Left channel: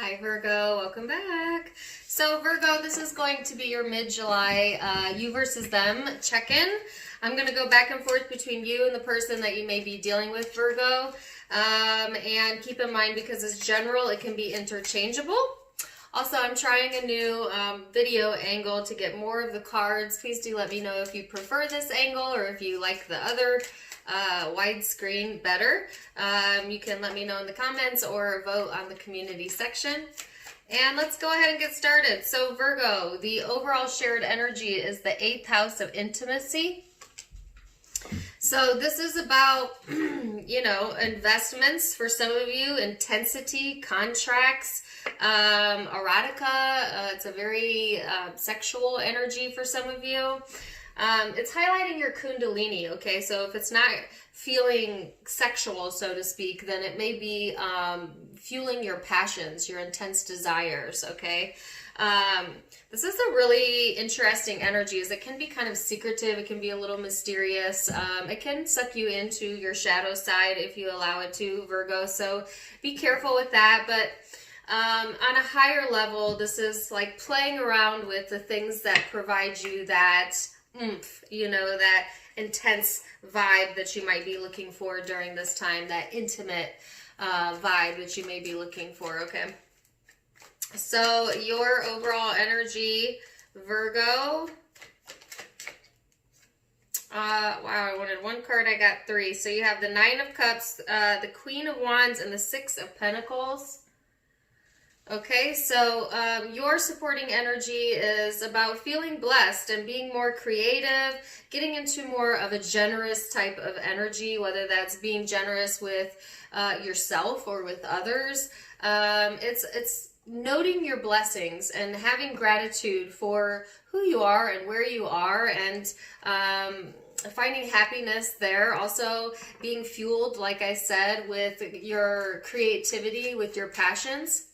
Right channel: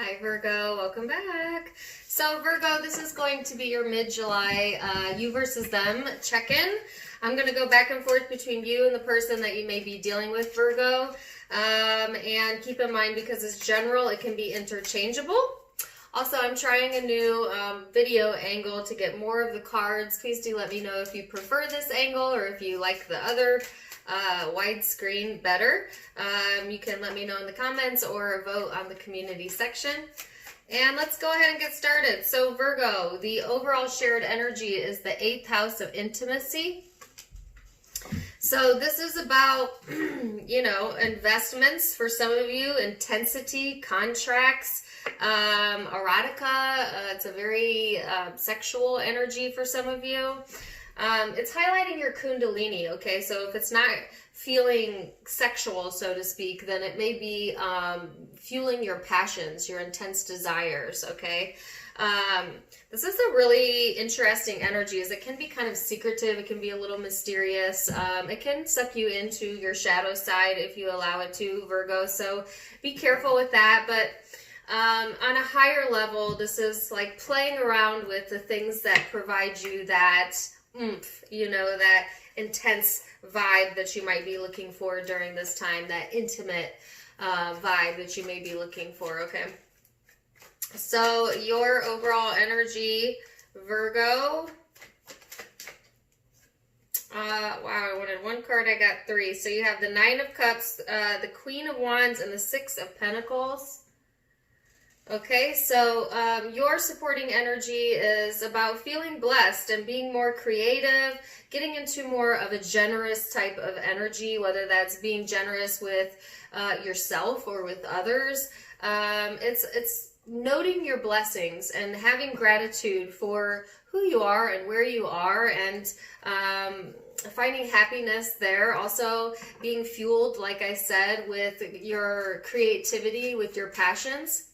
Hi Virgo, welcome back. So Virgo, this is going to be your mid-July you versus them check-in. I'm going to go back and forth between you and the person that you may be dealing with, Virgo. And keep in mind, because it's general, it can be interchangeable. Also, I'm trying a new video angle to get more of the cards. Please do let me know if you prefer this angle or if you like the other widescreen better. You can let me know in the comments or vote on the community section. And let's go ahead and get started. So Virgo, the overall shared energy is the 8th house of intimacy. So this is about, investments for some of you, intensity, contracts, erotica. It's a very sexual energy for some of you. It's highlighting your kundalini, okay? So if it's not feeling sexual, so to speak, then it may be fueling your passions, your intense desires, okay? This is a really interesting energy, as it can be kind of secretive, it can be a little mysterious, it can suck you into your shadow side if you allow it to, Virgo, so be careful with that. But on a higher level, this is like playing around with the things that provide you that oomph, that intense vibe that you might be looking for during this time, that intimate vibe that you may be looking for, okay? So your overall energy, Virgo, wow, I wanted one card, I got 3. So you have the 9 of Cups, the Queen of Wands, and the 6 of Pentacles. Okay, so your supporting energy is about feeling blessed and being more creative, getting into more of a generous type of energy, whether that's being generous with yourself or with others. It's noting your blessings and having gratitude for who you are and where you are, and finding happiness there. Also being fueled, like I said, with your creativity, with your passions.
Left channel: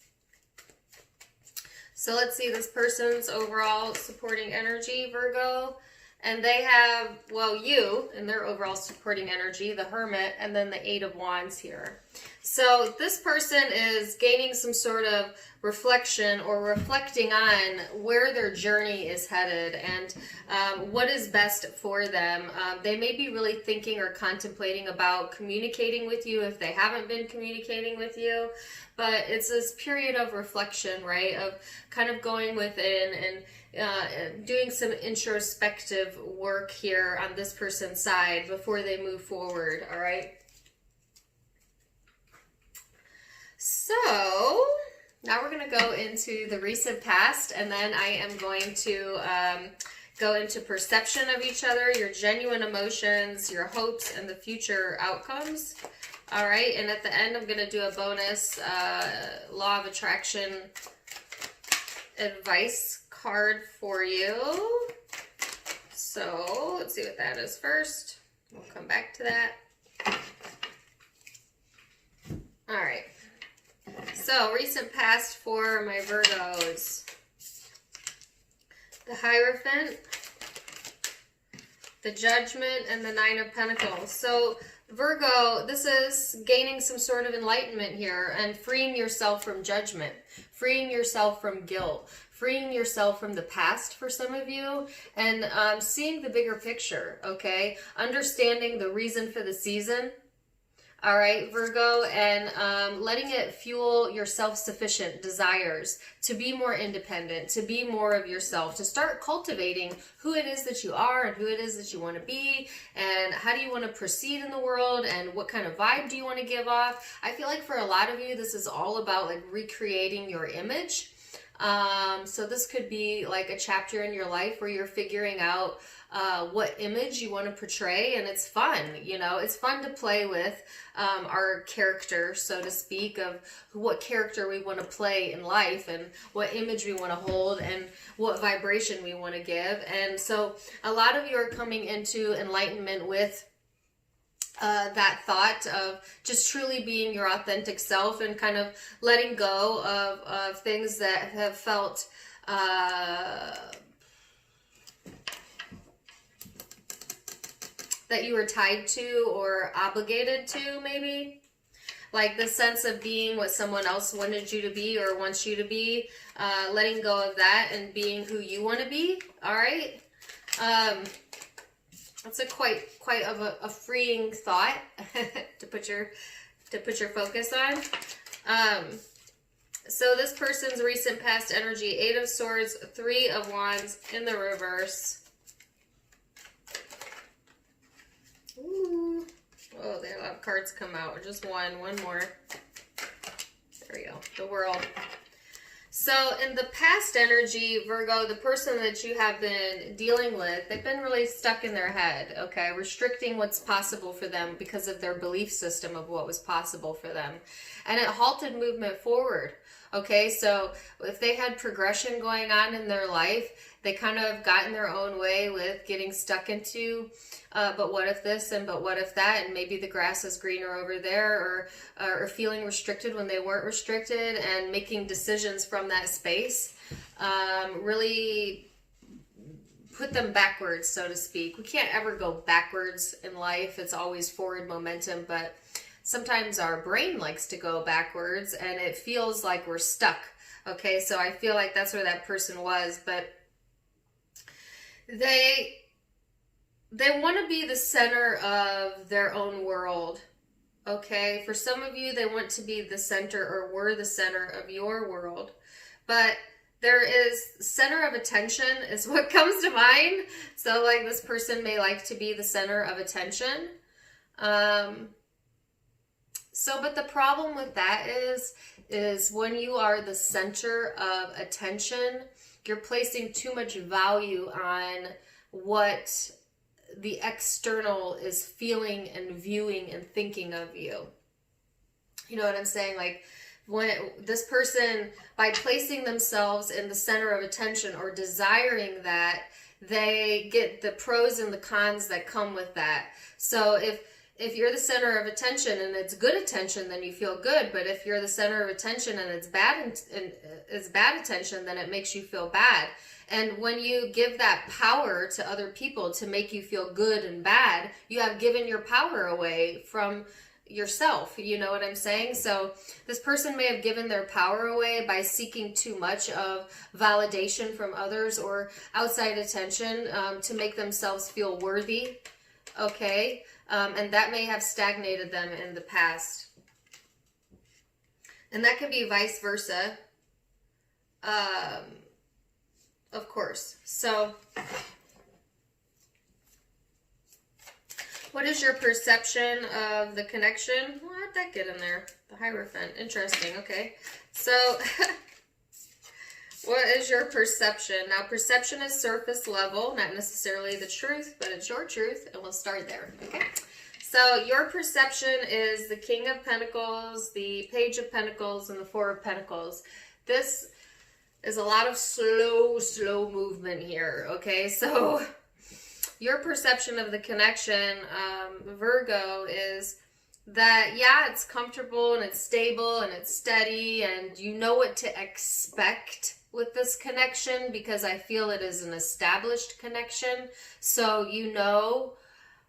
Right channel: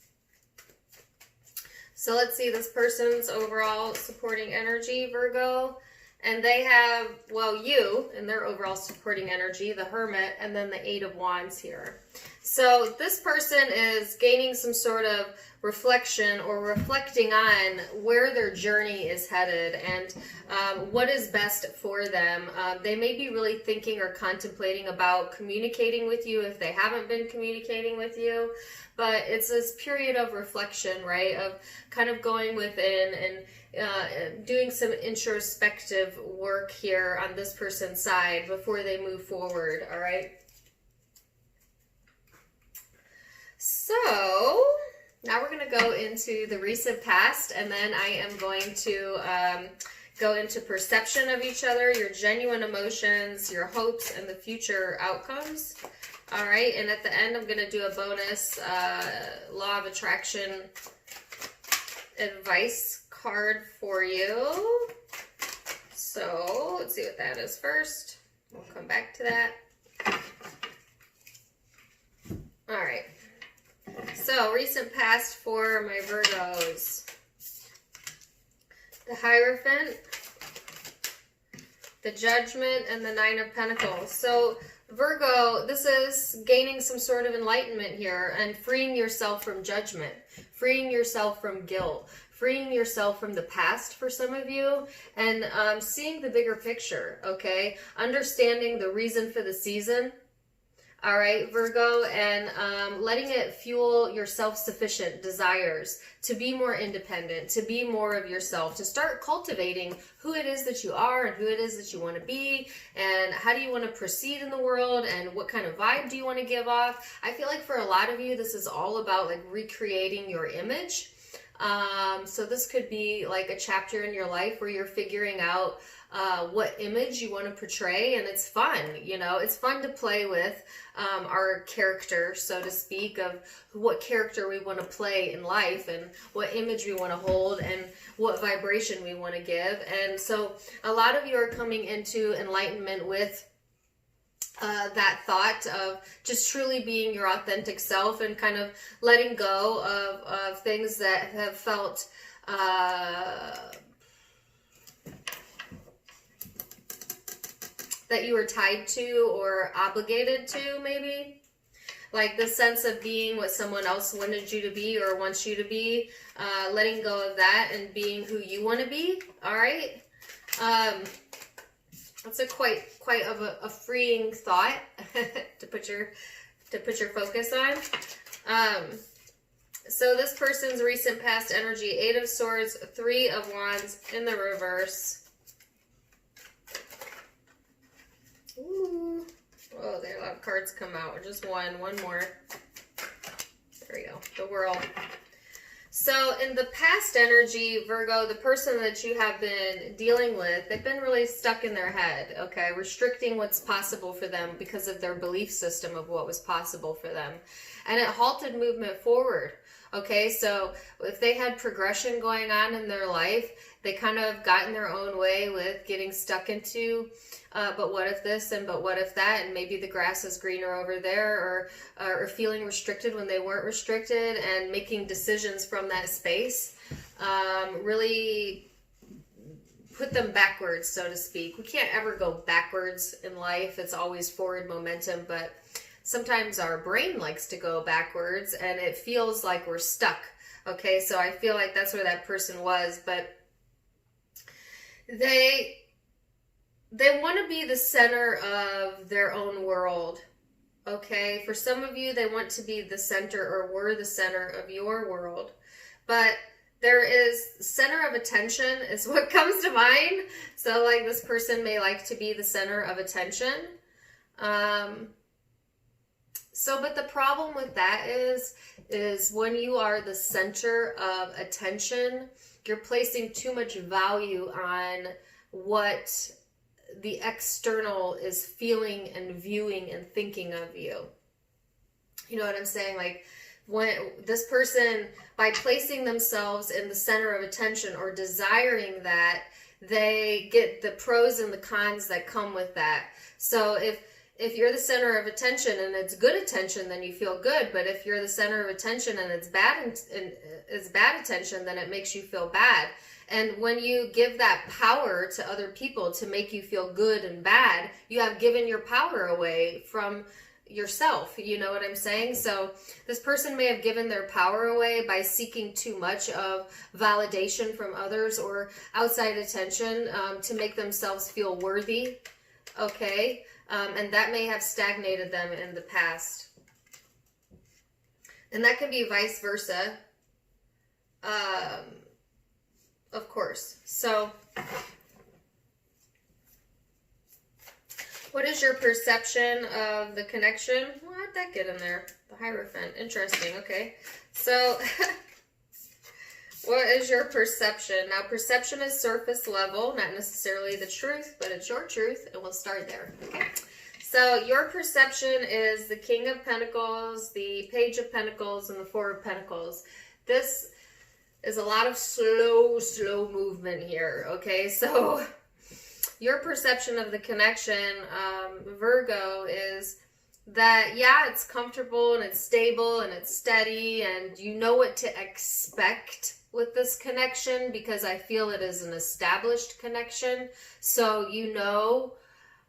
So let's see this person's overall supporting energy, Virgo. And they have, well, you and their overall supporting energy, the Hermit, and then the 8 of Wands here. So this person is gaining some sort of reflection or reflecting on where their journey is headed and what is best for them. They may be really thinking or contemplating about communicating with you if they haven't been communicating with you. But it's this period of reflection, right? Of kind of going within and doing some introspective work here on this person's side before they move forward, all right? So now we're going to go into the recent past, and then I am going to go into perception of each other, your genuine emotions, your hopes, and the future outcomes. All right, and at the end, I'm going to do a bonus law of attraction advice card for you. So let's see what that is first. We'll come back to that. All right. So recent past for my Virgos. The Hierophant, the Judgment, and the 9 of Pentacles. So Virgo, this is gaining some sort of enlightenment here and freeing yourself from judgment, freeing yourself from guilt, freeing yourself from the past for some of you, and seeing the bigger picture, okay? Understanding the reason for the season, all right, Virgo, and letting it fuel your self-sufficient desires to be more independent, to be more of yourself, to start cultivating who it is that you are and who it is that you want to be, and how do you want to proceed in the world, and what kind of vibe do you want to give off. I feel like for a lot of you, this is all about like recreating your image. So this could be like a chapter in your life where you're figuring out what image you want to portray, and it's fun, it's fun to play with our character, so to speak, of what character we want to play in life and what image we want to hold and what vibration we want to give. And so a lot of you are coming into enlightenment with that thought of just truly being your authentic self and kind of letting go of things that have felt that you were tied to or obligated to, maybe. like the sense of being what someone else wanted you to be or wants you to be, letting go of that and being who you want to be. All right. That's a quite of a freeing thought to put your focus on. So this person's recent past energy, 8 of Swords, 3 of Wands in the reverse. Ooh. Oh, they have a lot of cards come out. Just one more. There we go. The World. So in the past energy, Virgo, the person that you have been dealing with, they've been really stuck in their head, okay? Restricting what's possible for them because of their belief system of what was possible for them. And it halted movement forward, okay? So if they had progression going on in their life, they kind of got in their own way with getting stuck into, but what if this and but what if that, and maybe the grass is greener over there, or feeling restricted when they weren't restricted, and making decisions from that space really put them backwards, so to speak. We can't ever go backwards in life. It's always forward momentum, but sometimes our brain likes to go backwards and it feels like we're stuck. Okay, so I feel like that's where that person was, but they want to be the center of their own world. Okay, for some of you, they want to be the center, or were the center of your world. But there is center of attention is what comes to mind. So like this person may like to be the center of attention. But the problem with that is when you are the center of attention, you're placing too much value on what the external is feeling and viewing and thinking of you. You know what I'm saying? Like when this person, by placing themselves in the center of attention or desiring that, they get the pros and the cons that come with that. So if you're the center of attention and it's good attention, then you feel good. But if you're the center of attention and it's bad attention, then it makes you feel bad. And when you give that power to other people to make you feel good and bad, you have given your power away from yourself. You know what I'm saying? So this person may have given their power away by seeking too much of validation from others or outside attention to make themselves feel worthy. Okay? And that may have stagnated them in the past. And that can be vice versa. Of course. So, what is your perception of the connection? Well, how'd that get in there? The Hierophant. Interesting. Okay. So, what is your perception? Now, perception is surface level, not necessarily the truth, but it's your truth, and we'll start there. Okay. So, your perception is the King of Pentacles, the Page of Pentacles, and the Four of Pentacles. This is a lot of slow movement here, okay? So your perception of the connection, Virgo, is that, yeah, it's comfortable and it's stable and it's steady and you know what to expect with this connection because I feel it is an established connection. So you know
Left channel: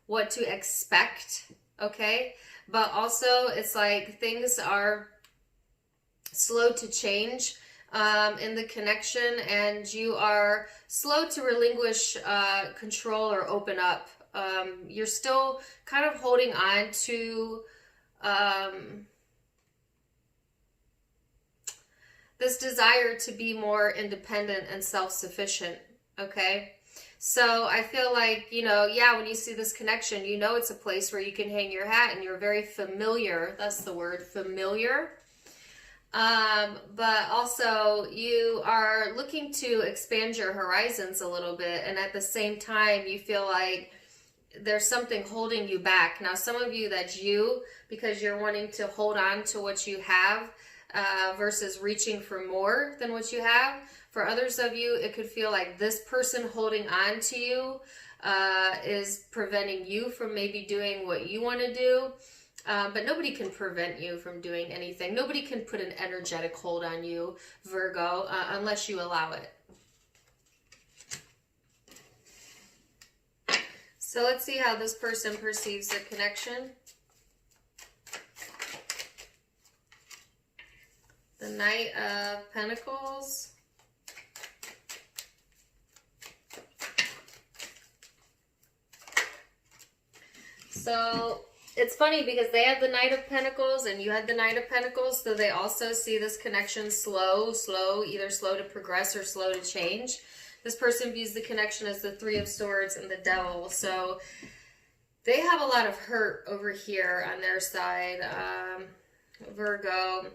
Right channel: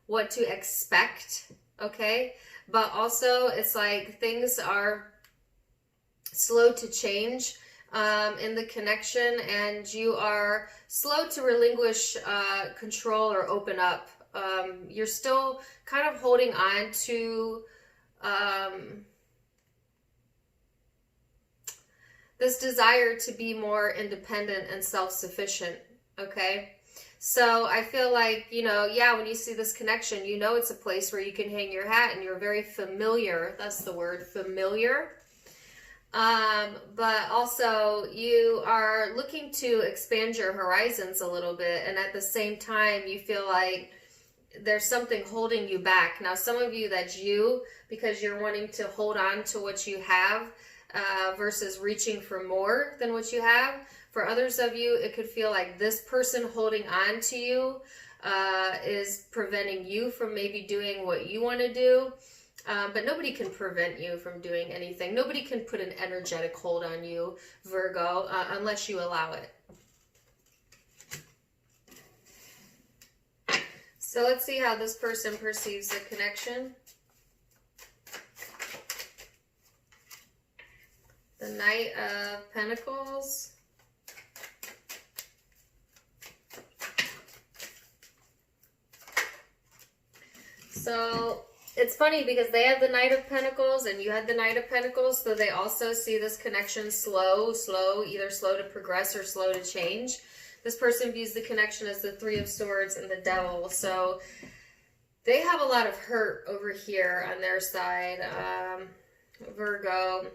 what to expect, okay? But also it's like things are slow to change in the connection, and you are slow to relinquish control or open up. You're still kind of holding on to this desire to be more independent and self-sufficient, okay? So I feel like, you know, yeah, when you see this connection, you know it's a place where you can hang your hat and you're very familiar. That's the word, familiar. But also you are looking to expand your horizons a little bit, and at the same time you feel like there's something holding you back. Now some of you, that's you, because you're wanting to hold on to what you have versus reaching for more than what you have. For others of you, it could feel like this person holding on to you is preventing you from maybe doing what you want to do. But nobody can prevent you from doing anything. Nobody can put an energetic hold on you, Virgo, unless you allow it. So let's see how this person perceives the connection. The Knight of Pentacles. So it's funny because they have the Knight of Pentacles and you had the Knight of Pentacles, so they also see this connection slow, either slow to progress or slow to change. This person views the connection as the Three of Swords and the Devil. So they have a lot of hurt over here on their side. Virgo,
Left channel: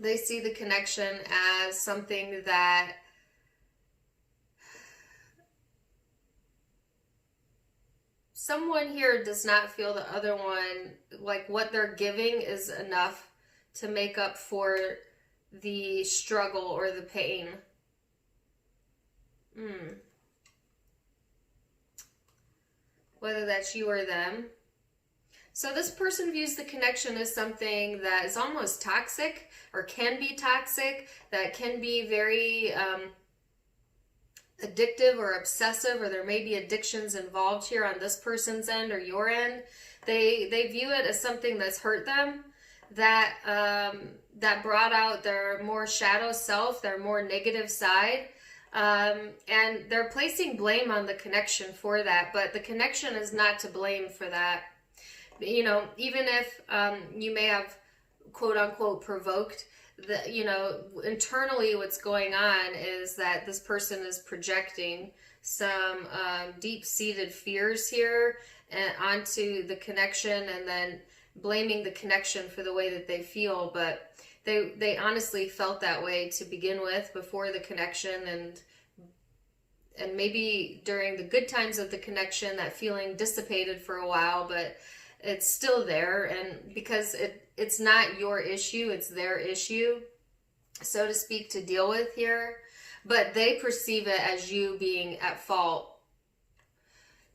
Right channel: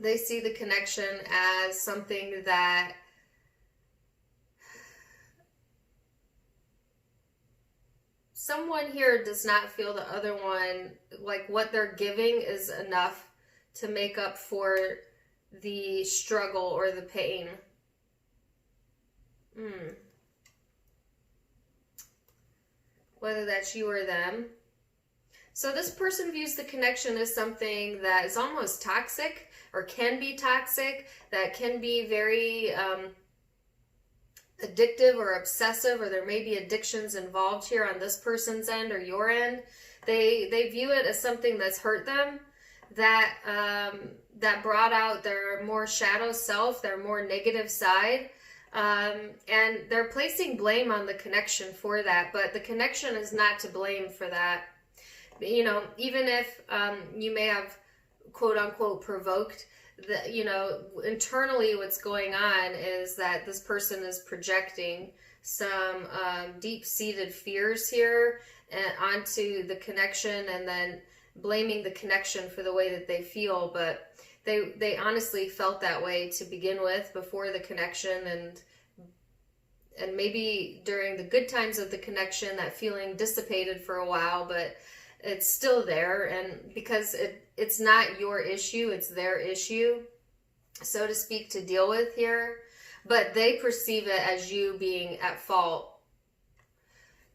they see the connection as something that someone here does not feel the other one, like what they're giving is enough to make up for the struggle or the pain. Whether that's you or them. So this person views the connection as something that is almost toxic or can be toxic, that can be very addictive or obsessive, or there may be addictions involved here on this person's end or your end. They view it as something that's hurt them, that that brought out their more shadow self, their more negative side. And they're placing blame on the connection for that, but the connection is not to blame for that. You know, even if you may have quote unquote provoked, you know, internally what's going on is that this person is projecting some deep-seated fears here onto the connection, and then blaming the connection for the way that they feel. But they honestly felt that way to begin with before the connection, and maybe during the good times of the connection that feeling dissipated for a while, but it's still there. And because it's not your issue, it's their issue, so to speak, to deal with here, but they perceive it as you being at fault.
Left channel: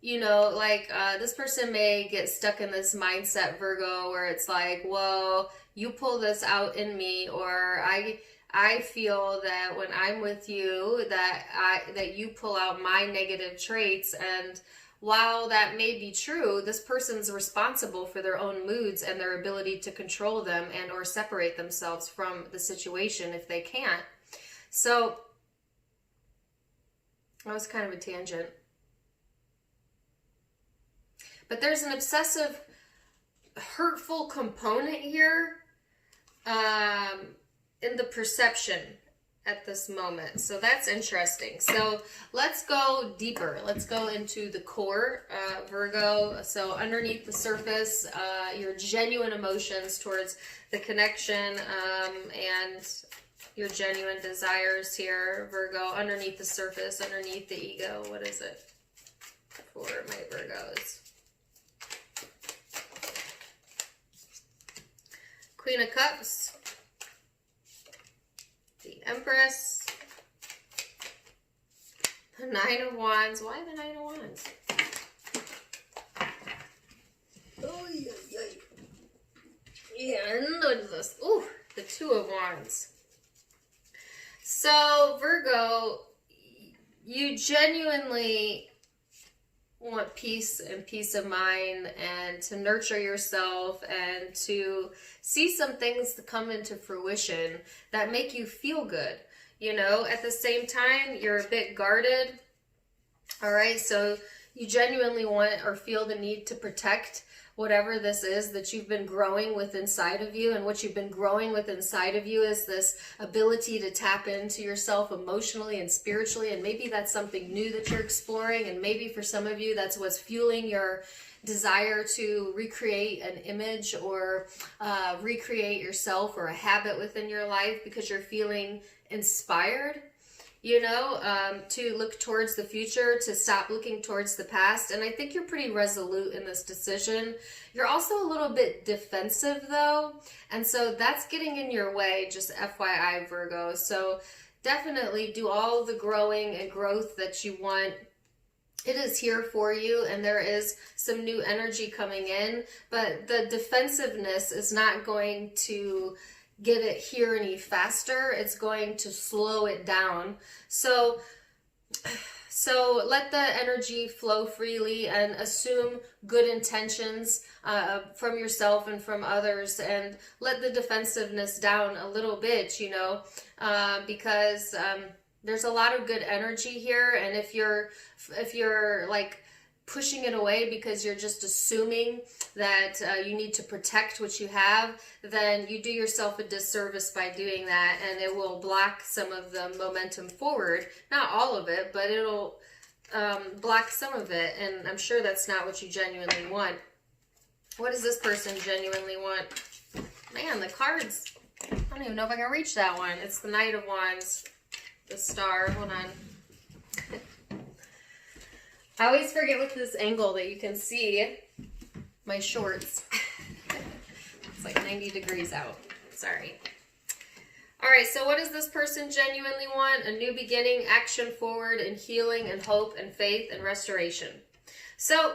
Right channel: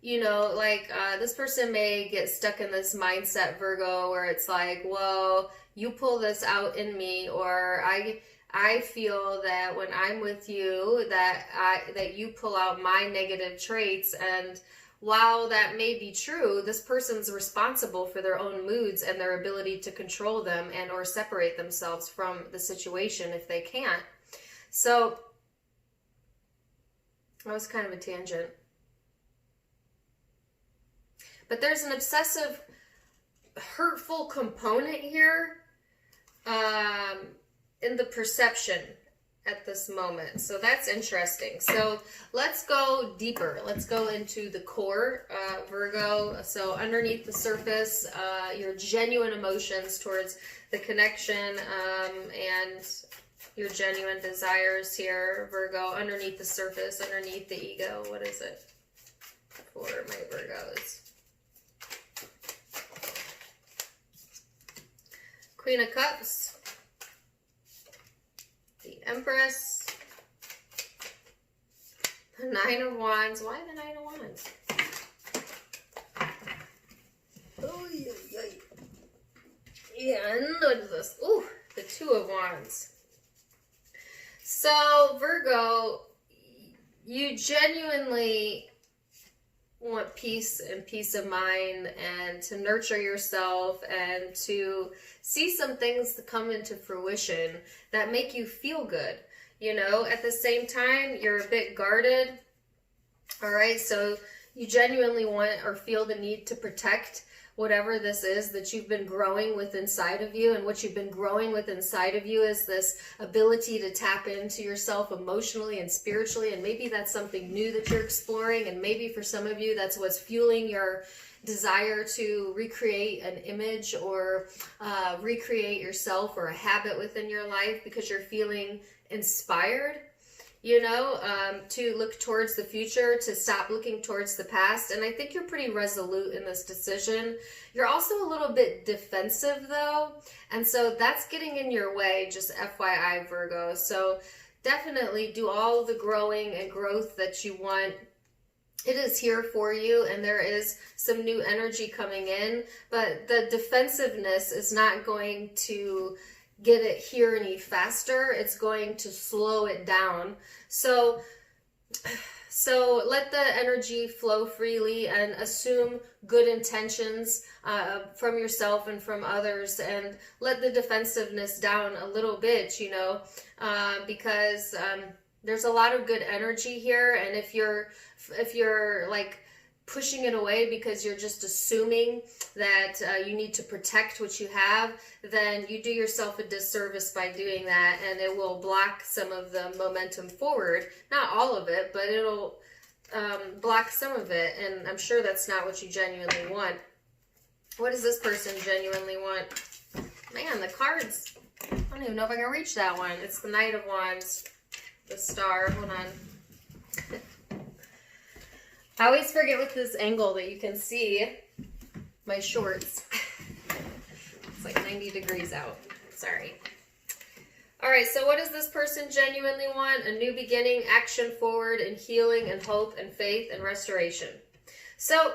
You know, like this person may get stuck in this mindset, Virgo, where it's like, well, you pull this out in me, or I feel that when I'm with you that you pull out my negative traits. And while that may be true, this person's responsible for their own moods and their ability to control them and or separate themselves from the situation if they can't. So that was kind of a tangent. But there's an obsessive, hurtful component here in the perception at this moment. So that's interesting. So let's go deeper. Let's go into the core, Virgo. So underneath the surface, your genuine emotions towards the connection and your genuine desires here, Virgo. Underneath the surface, underneath the ego. What is it for my Virgos? Queen of Cups, the Empress, the Nine of Wands. Why the Nine of Wands? And what is this? Ooh, the Two of Wands. So, Virgo, you genuinely want peace and peace of mind, and to nurture yourself, and to see some things to come into fruition that make you feel good. You know, at the same time, you're a bit guarded. All right, so you genuinely want or feel the need to protect whatever this is that you've been growing with inside of you. And what you've been growing with inside of you is this ability to tap into yourself emotionally and spiritually. And maybe that's something new that you're exploring. And maybe for some of you, that's what's fueling your desire to recreate an image or recreate yourself or a habit within your life, because you're feeling inspired, you know, to look towards the future, to stop looking towards the past. And I think you're pretty resolute in this decision. You're also a little bit defensive though, and so that's getting in your way, just FYI, Virgo. So definitely do all the growing and growth that you want. It is here for you, and there is some new energy coming in, but the defensiveness is not going to get it here any faster. It's going to slow it down. So So let the energy flow freely and assume good intentions from yourself and from others, and let the defensiveness down a little bit, you know, because there's a lot of good energy here. And if you're like pushing it away because you're just assuming that you need to protect what you have, then you do yourself a disservice by doing that, and it will block some of the momentum forward. Not all of it, but it'll block some of it, and I'm sure that's not what you genuinely want. What does this person genuinely want? Man, the cards, I don't even know if I can reach that one. It's the Knight of Wands, the Star. Hold on. I always forget with this angle that you can see my shorts. It's like 90 degrees out. Sorry. All right, so what does this person genuinely want? A new beginning, action forward, and healing, and hope, and faith, and restoration. So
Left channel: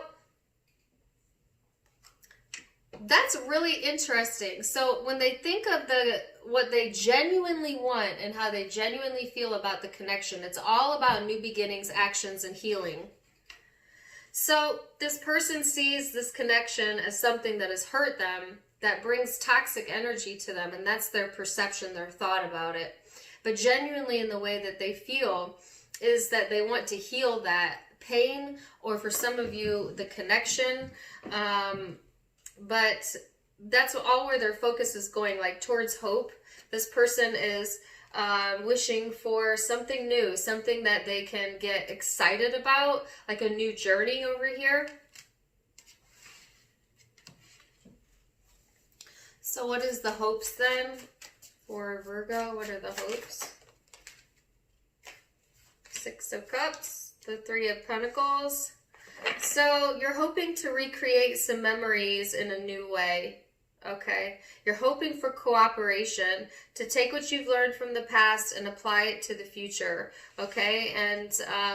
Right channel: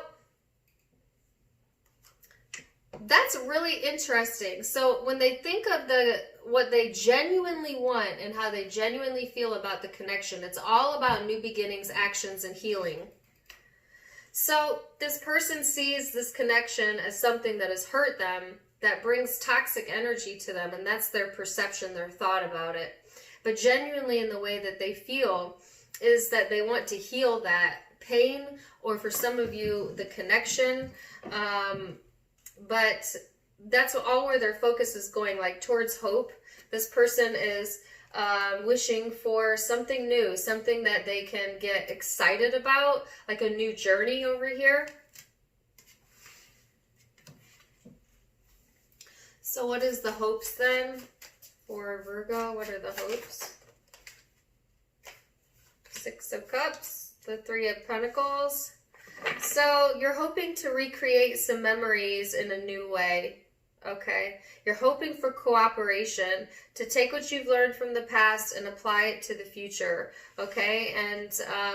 that's really interesting. So when they think of what they genuinely want and how they genuinely feel about the connection, it's all about new beginnings, actions, and healing. So this person sees this connection as something that has hurt them, that brings toxic energy to them, and that's their perception, their thought about it. But genuinely in the way that they feel is that they want to heal that pain, or for some of you, the connection. But that's all where their focus is going, like towards hope. This person is wishing for something new, something that they can get excited about, like a new journey over here. So what is the hopes then for Virgo? What are the hopes? Six of Cups, the Three of Pentacles. So you're hoping to recreate some memories in a new way. Okay, you're hoping for cooperation, to take what you've learned from the past and apply it to the future. Okay, and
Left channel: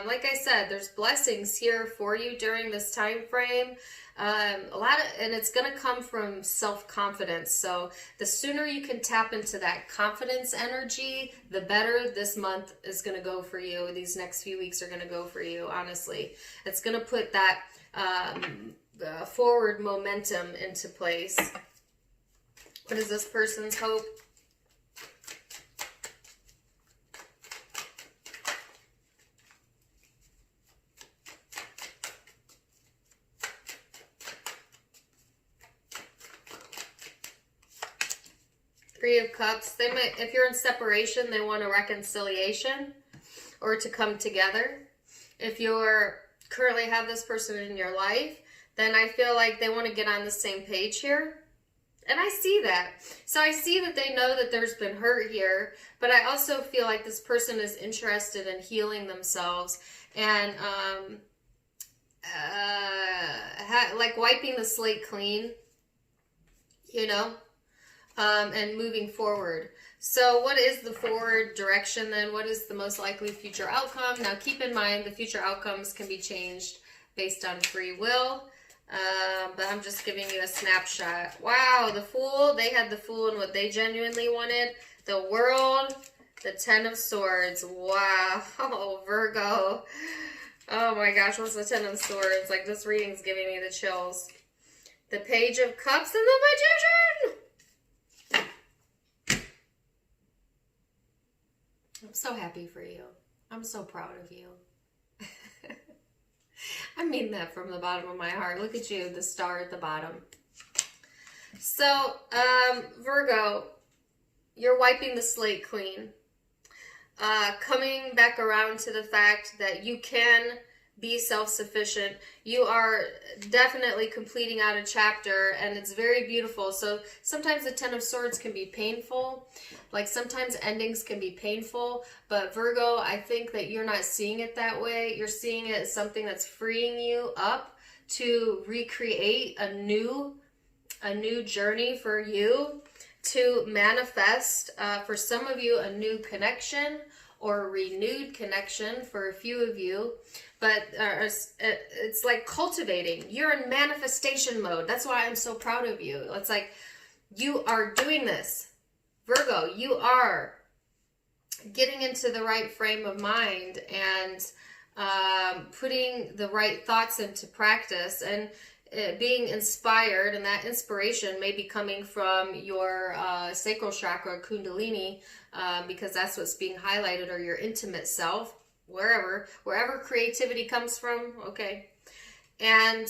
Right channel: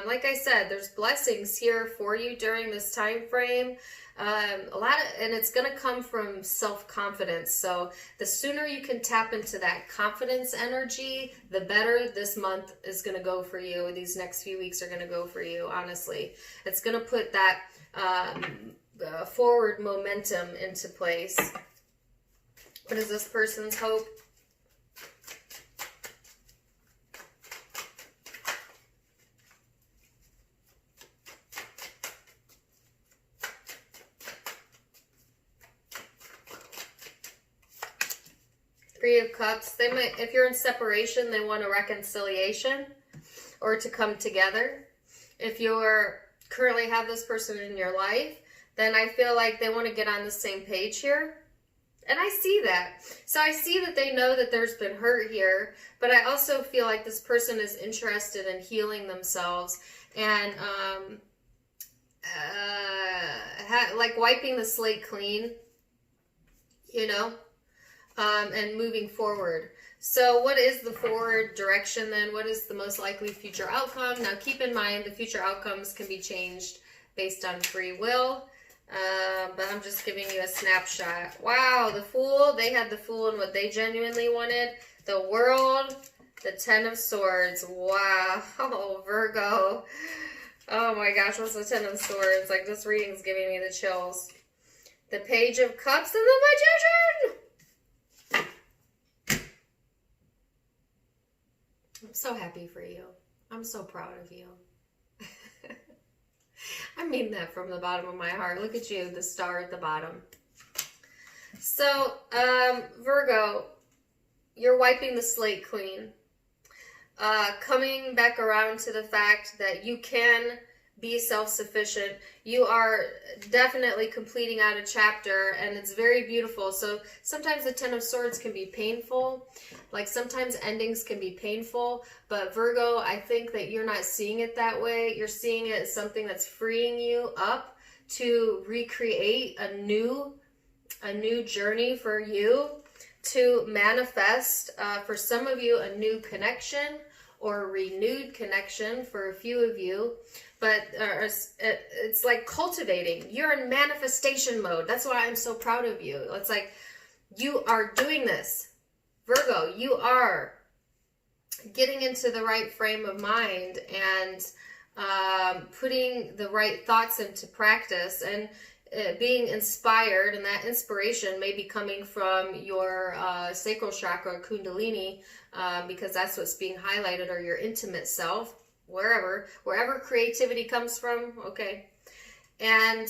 like I said, there's blessings here for you during this time frame. And it's going to come from self-confidence. So the sooner you can tap into that confidence energy, the better this month is going to go for you. These next few weeks are going to go for you, honestly. It's going to put that forward momentum into place. What is this person's hope? Three of Cups. They might, if you're in separation, they want a reconciliation or to come together. If you're currently have this person in your life, then I feel like they want to get on the same page here. And I see that. So I see that they know that there's been hurt here, but I also feel like this person is interested in healing themselves and like wiping the slate clean, you know, and moving forward. So what is the forward direction then? What is the most likely future outcome? Now keep in mind the future outcomes can be changed based on free will. But I'm just giving you a snapshot. Wow, the Fool. They had the Fool in what they genuinely wanted. The World. The Ten of Swords. Wow. Oh, Virgo. Oh my gosh, what's the Ten of Swords? Like, this reading's giving me the chills. The Page of Cups and the Magician. I'm so happy for you. I'm so proud of you. I mean that from the bottom of my heart. Look at you, the star at the bottom. So, Virgo, you're wiping the slate clean. Coming back around to the fact that you can be self-sufficient. You are definitely completing out a chapter, and it's very beautiful. So sometimes the Ten of Swords can be painful. Like sometimes endings can be painful, but Virgo, I think that you're not seeing it that way. You're seeing it as something that's freeing you up to recreate a new journey for you, to manifest, for some of you, a new connection or a renewed connection for a few of you. But it's like cultivating. You're in manifestation mode. That's why I'm so proud of you. It's like you are doing this. Virgo, you are getting into the right frame of mind and putting the right thoughts into practice, and being inspired, and that inspiration may be coming from your sacral chakra, kundalini, because that's what's being highlighted, or your intimate self, wherever creativity comes from, okay? And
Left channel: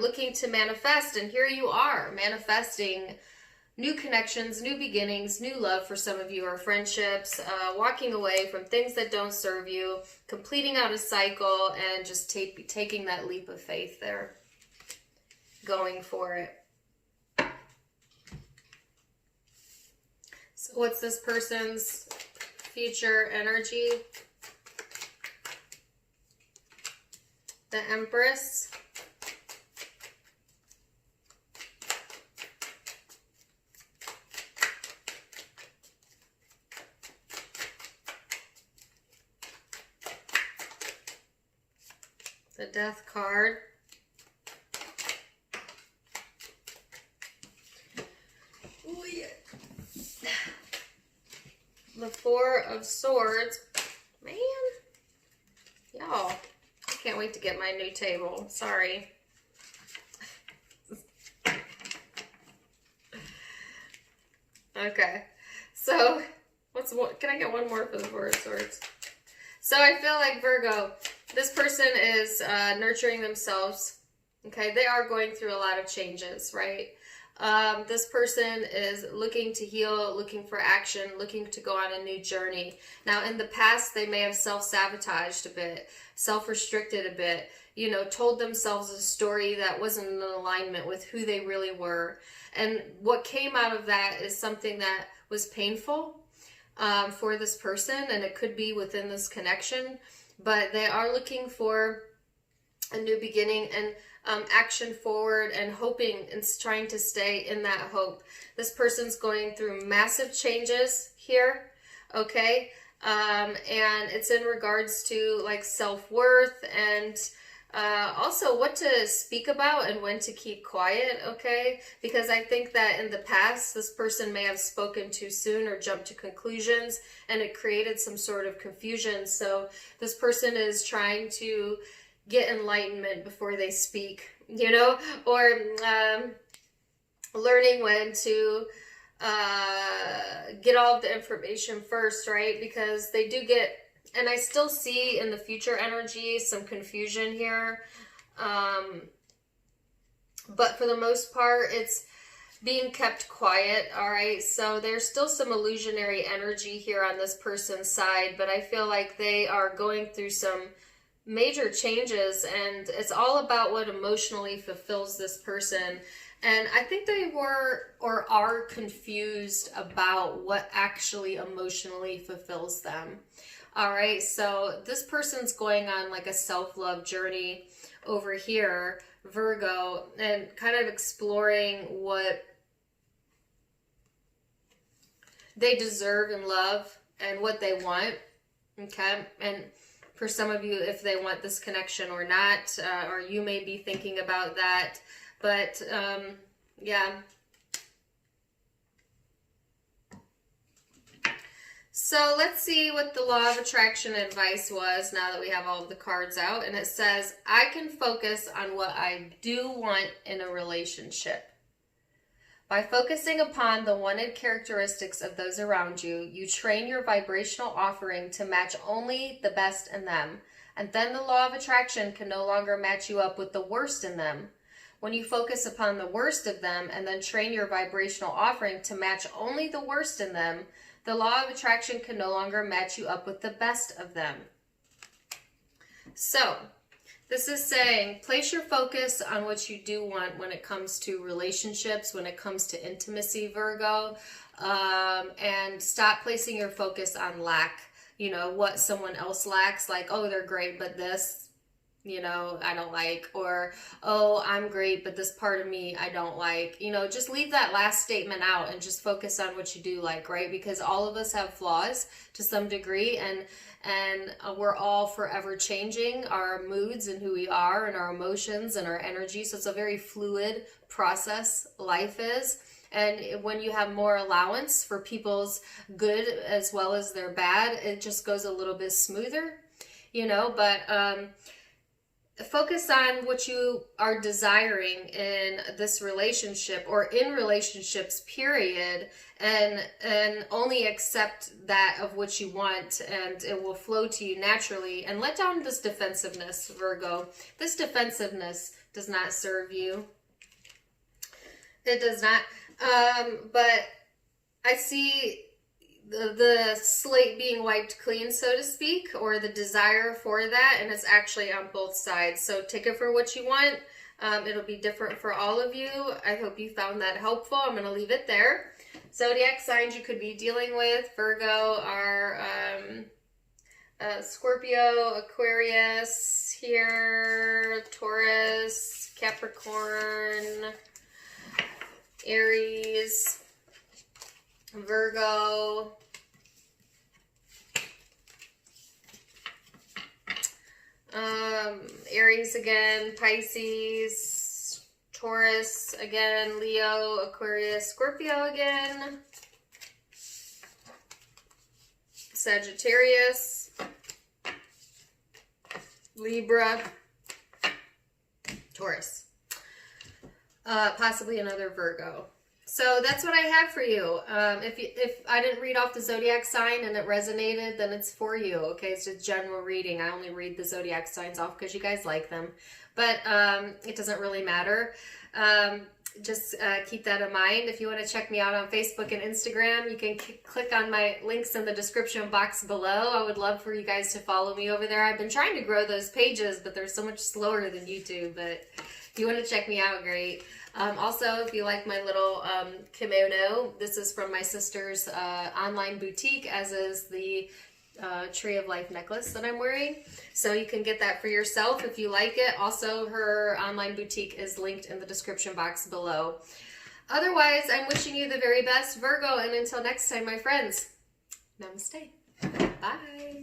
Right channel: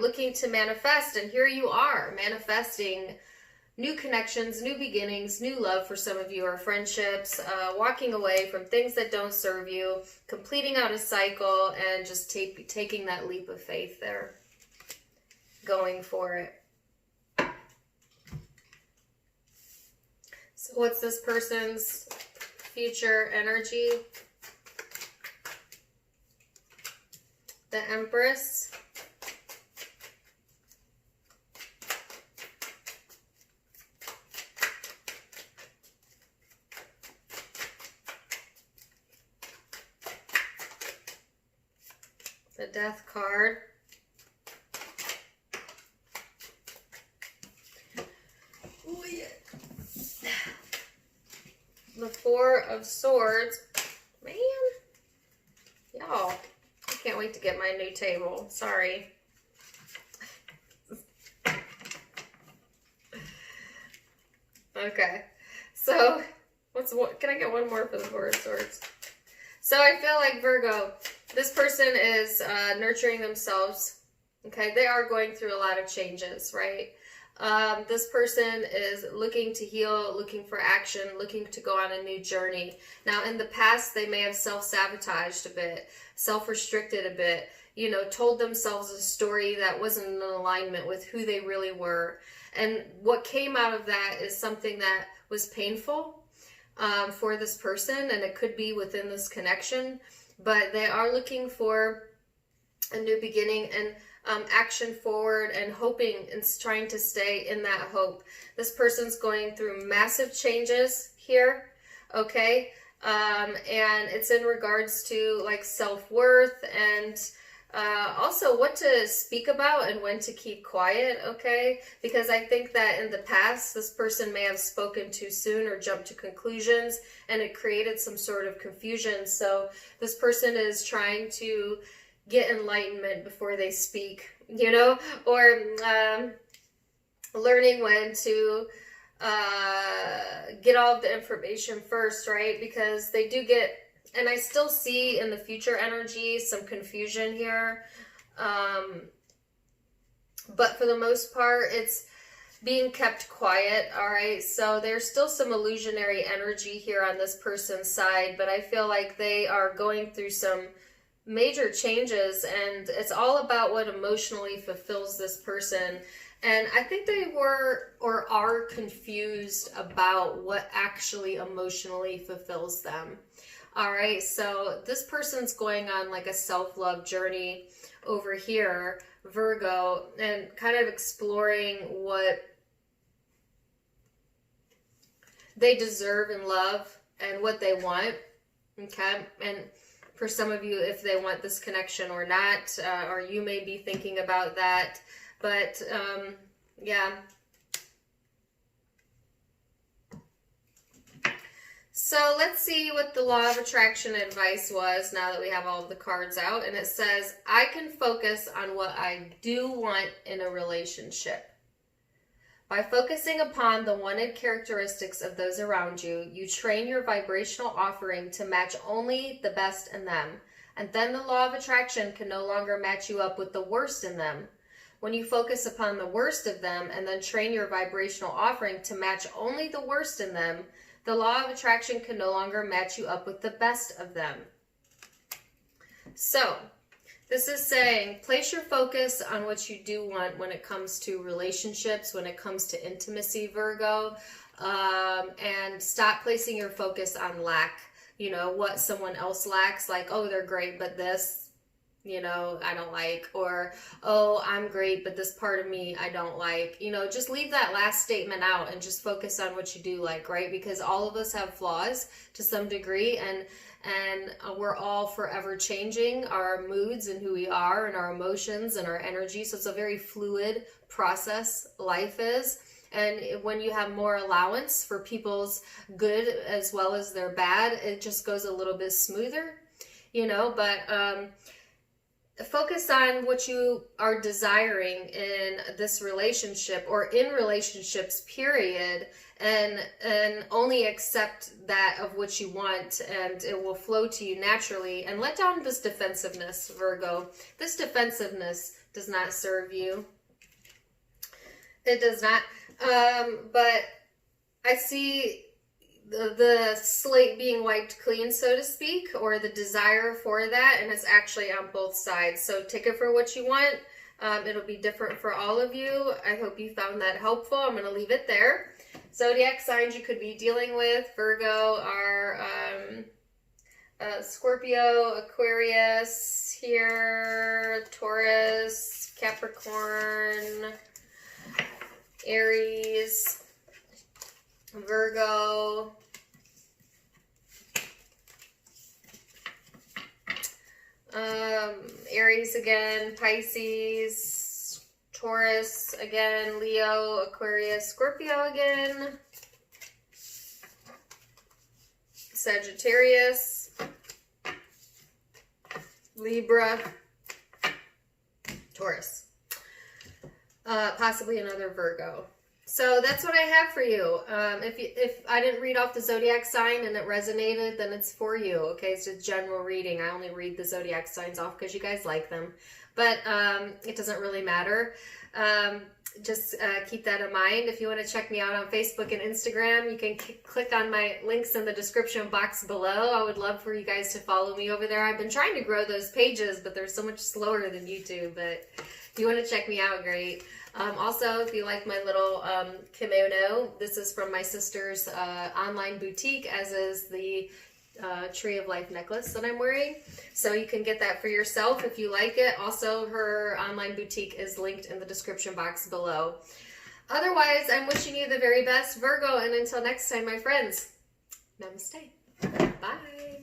looking to manifest, and here you are, manifesting new connections, new beginnings, new love for some of you, or friendships, walking away from things that don't serve you, completing out a cycle, and just taking that leap of faith there, going for it. So what's this person's future energy? The Empress. The Death card. Oh, yeah. The Four of Swords. Man. Y'all. I can't wait to get my new table. Sorry. Okay. So, can I get one more for the Four of Swords? So I feel like Virgo, this person is nurturing themselves. Okay, they are going through a lot of changes, right? This person is looking to heal, looking for action, looking to go on a new journey. Now, in the past, they may have self-sabotaged a bit, self-restricted a bit, you know, told themselves a story that wasn't in alignment with who they really were. And what came out of that is something that was painful for this person, and it could be within this connection, but they are looking for a new beginning and action forward, and hoping and trying to stay in that hope. This person's going through massive changes here, okay? And it's in regards to like self-worth, and also what to speak about and when to keep quiet, okay? Because I think that in the past, this person may have spoken too soon or jumped to conclusions, and it created some sort of confusion. So this person is trying to get enlightenment before they speak, you know, or learning when to get all of the information first, right? Because they do get, and I still see in the future energy some confusion here, but for the most part, it's being kept quiet, all right? So there's still some illusionary energy here on this person's side, but I feel like they are going through some major changes, and it's all about what emotionally fulfills this person. And I think they were or are confused about what actually emotionally fulfills them. All right, so this person's going on like a self-love journey over here, Virgo, and kind of exploring what they deserve in love and what they want, okay? And for some of you, if they want this connection or not, or you may be thinking about that, but yeah. So let's see what the law of attraction advice was now that we have all of the cards out. And it says, I can focus on what I do want in a relationship. By focusing upon the wanted characteristics of those around you, you train your vibrational offering to match only the best in them. And then the law of attraction can no longer match you up with the worst in them. When you focus upon the worst of them and then train your vibrational offering to match only the worst in them, the law of attraction can no longer match you up with the best of them. So, this is saying, place your focus on what you do want when it comes to relationships, when it comes to intimacy, Virgo, and stop placing your focus on lack, you know, what someone else lacks, like, oh, they're great, but this, you know, I don't like, or, oh, I'm great, but this part of me I don't like. You know, just leave that last statement out and just focus on what you do like, right? Because all of us have flaws to some degree, and we're all forever changing our moods and who we are and our emotions and our energy. So it's a very fluid process, life is. And when you have more allowance for people's good as well as their bad, it just goes a little bit smoother. you know, but focus on what you are desiring in this relationship or in relationships, period, and only accept that of what you want, and it will flow to you naturally. And let down this defensiveness, Virgo. This defensiveness does not serve you. It does not. But I see the slate being wiped clean, so to speak, or the desire for that, and it's actually on both sides. So take it for what you want. It'll be different for all of you. I hope you found that helpful. I'm going to leave it there. Zodiac signs you could be dealing with, Virgo, are Scorpio, Aquarius here, Taurus, Capricorn, Aries, Virgo, Aries again, Pisces, Taurus again, Leo, Aquarius, Scorpio again, Sagittarius, Libra, Taurus, possibly another Virgo. So that's what I have for you. If I didn't read off the zodiac sign and it resonated, then it's for you. Okay, it's a general reading. I only read the zodiac signs off because you guys like them, but it doesn't really matter. Just keep that in mind. If you want to check me out on Facebook and Instagram, you can click on my links in the description box below. I would love for you guys to follow me over there. I've been trying to grow those pages, but they're so much slower than YouTube. But if you want to check me out, great. Also, if you like my little kimono, this is from my sister's online boutique, as is the Tree of Life necklace that I'm wearing. So you can get that for yourself if you like it. Also, her online boutique is linked in the description box below. Otherwise, I'm wishing you the very best, Virgo, and until next time, my friends, namaste. Bye.